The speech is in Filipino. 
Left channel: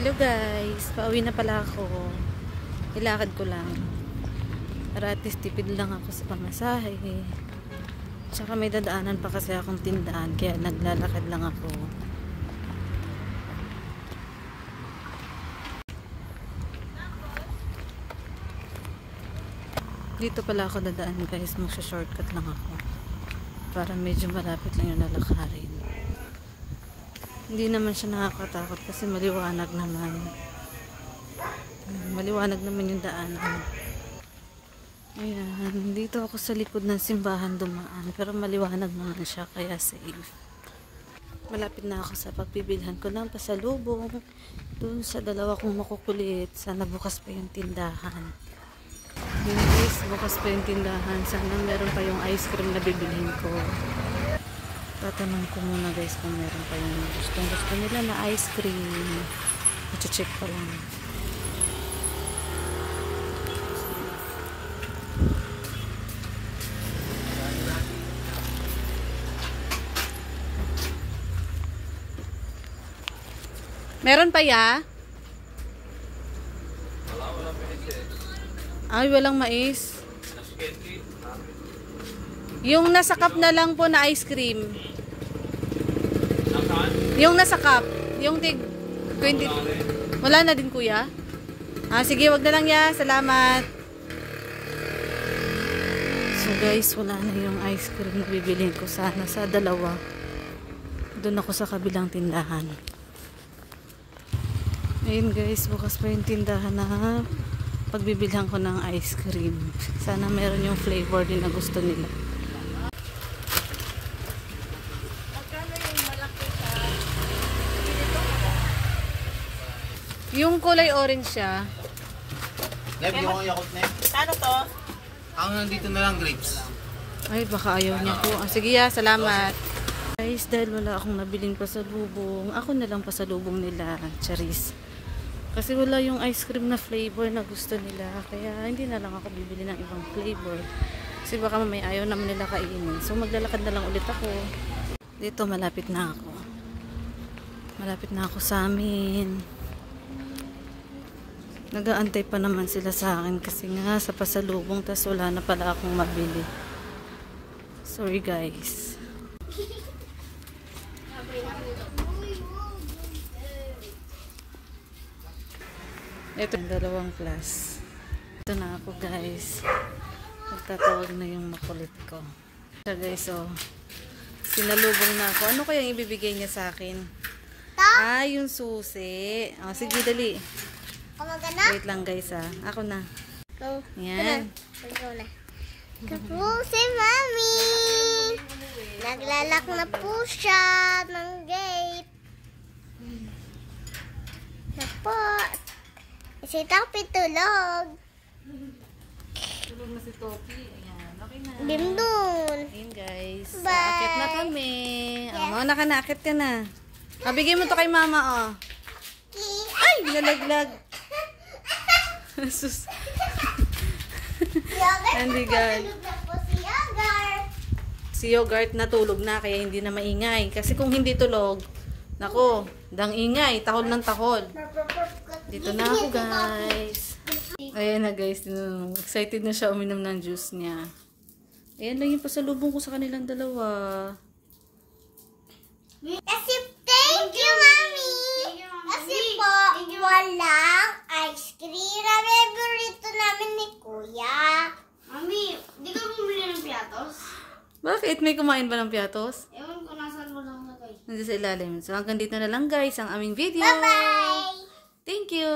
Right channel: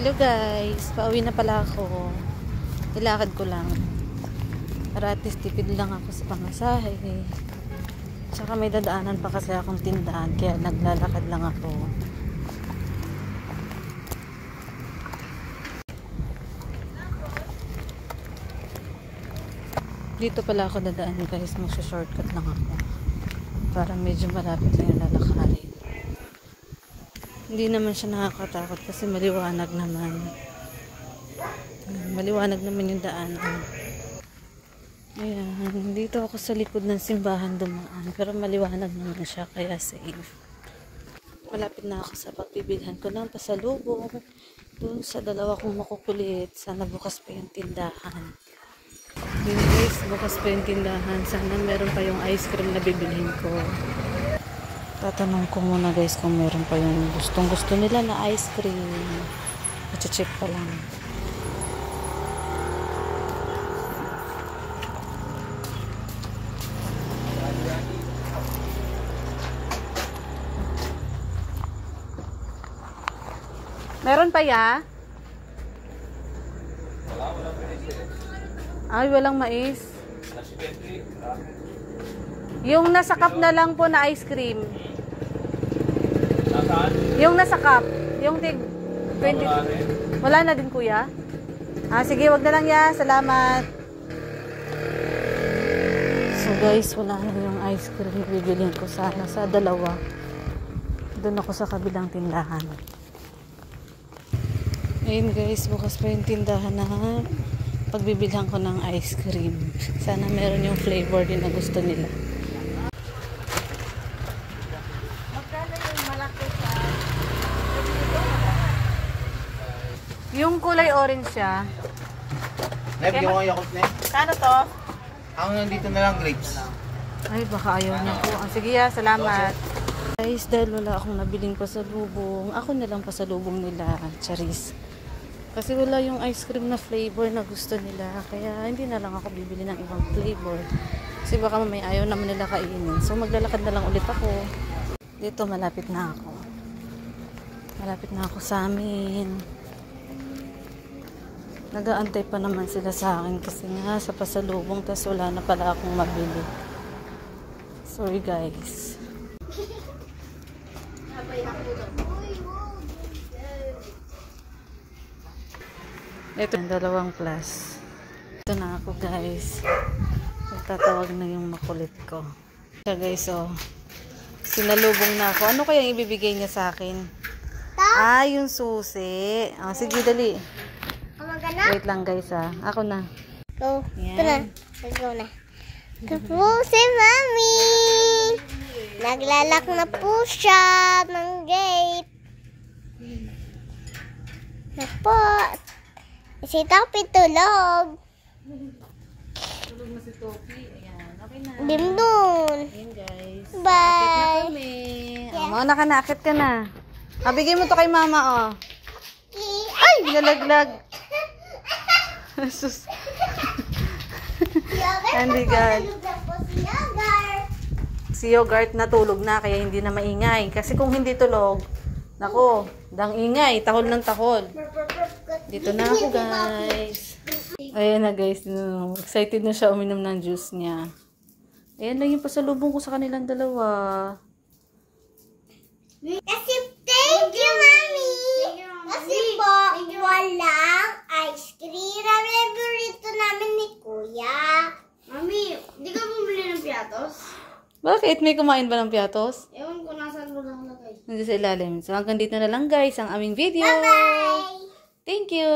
Hello guys, pauwi na pala ako. Ilakad ko lang. Para at least tipid lang ako sa pamasahe. Tsaka may dadaanan pa kasi akong tindahan, kaya naglalakad lang ako. Dito pala ako dadaan guys, magsa-shortcut lang ako. Para medyo malapit lang yung lalakarin. Hindi naman siya nakakatakot kasi maliwanag naman. Maliwanag naman yung daanan. Ayan, dito ako sa likod ng simbahan dumaan. Pero maliwanag naman siya, kaya safe. Malapit na ako sa papibilhan ko ng pasalubong. Doon sa dalawa kong makukulit. Sana bukas pa yung tindahan. Yun guys, bukas pa yung tindahan. Sana meron pa yung ice cream na bibilhin ko. Tatanong ko muna guys kung meron pa yung gustong gusto nila na ice cream. I-check pa lang. Meron pa ya? Ay, walang mais. Yung nasa cup na lang po na ice cream. Yung nasa cup. Yung tig 20. Wala na din kuya? Ah, sige, wag na lang ya. Salamat. So guys, wala na yung ice cream na bibilhin ko sana sa dalawa. Doon ako sa kabilang tindahan. Ayun guys, bukas pa yung tindahan na pagbibilhan ko ng ice cream. Sana meron yung flavor din na gusto nila. Yung kulay orange siya. Neb, yung ako yakot na. Ano to? Ang nandito na lang grapes. Ay, baka ayaw niya po. Oh, sige ya, salamat. Guys, dahil wala akong nabiling pasalubong, ako na lang pasalubong nila, Charis. Kasi wala yung ice cream na flavor na gusto nila. Kaya hindi na lang ako bibili ng ibang flavor. Kasi baka may ayaw naman nila kainin. So maglalakad na lang ulit ako. Dito malapit na ako. Malapit na ako sa amin. Nag-aantay pa naman sila sa akin kasi nga sa pasalubong, tas wala na pala akong mabili. Sorry guys. Ito yung dalawang plus. Ito na ako guys. Magtatawag na yung makulit ko. So guys, oh. Sinalubong na ako. Ano kaya ibibigay niya sa akin? Ah, yung susi. Oh, sige, dali. Wait lang guys ah. Ako na. Go. Yan. Go na. Ito si Mami. Naglalak na po siya ng gate. Napo. Si Topi tulog. Tulog na si Topi. Ayan. Okay na. Dindun. Ayan guys. Bye. Akit na kami. Oh, na ka na. Akit ka na. Ah, bigay mo to kay mama oh. Ay! Nalaglag. Sus. Hindi God. Si Yogurt natulog na kaya hindi na maingay. Kasi kung hindi tulog, nako, dang ingay, tahol ng tahol. Dito na ako guys. Ayan na guys, excited na siya uminom ng juice niya. Ayan lang yung pasalubong ko sa kanilang dalawa. Kasi thank you, Mami. Kasi po, walang ice cream na favorito namin ni Kuya. Mami, di ka bumili ng piatos? Bakit? May kumain ba ng piatos? Ewan ko, nasaan mo lang lagay. Nandiyan sa ilalim. So hanggang dito na lang guys ang aming video. Bye-bye! Thank you!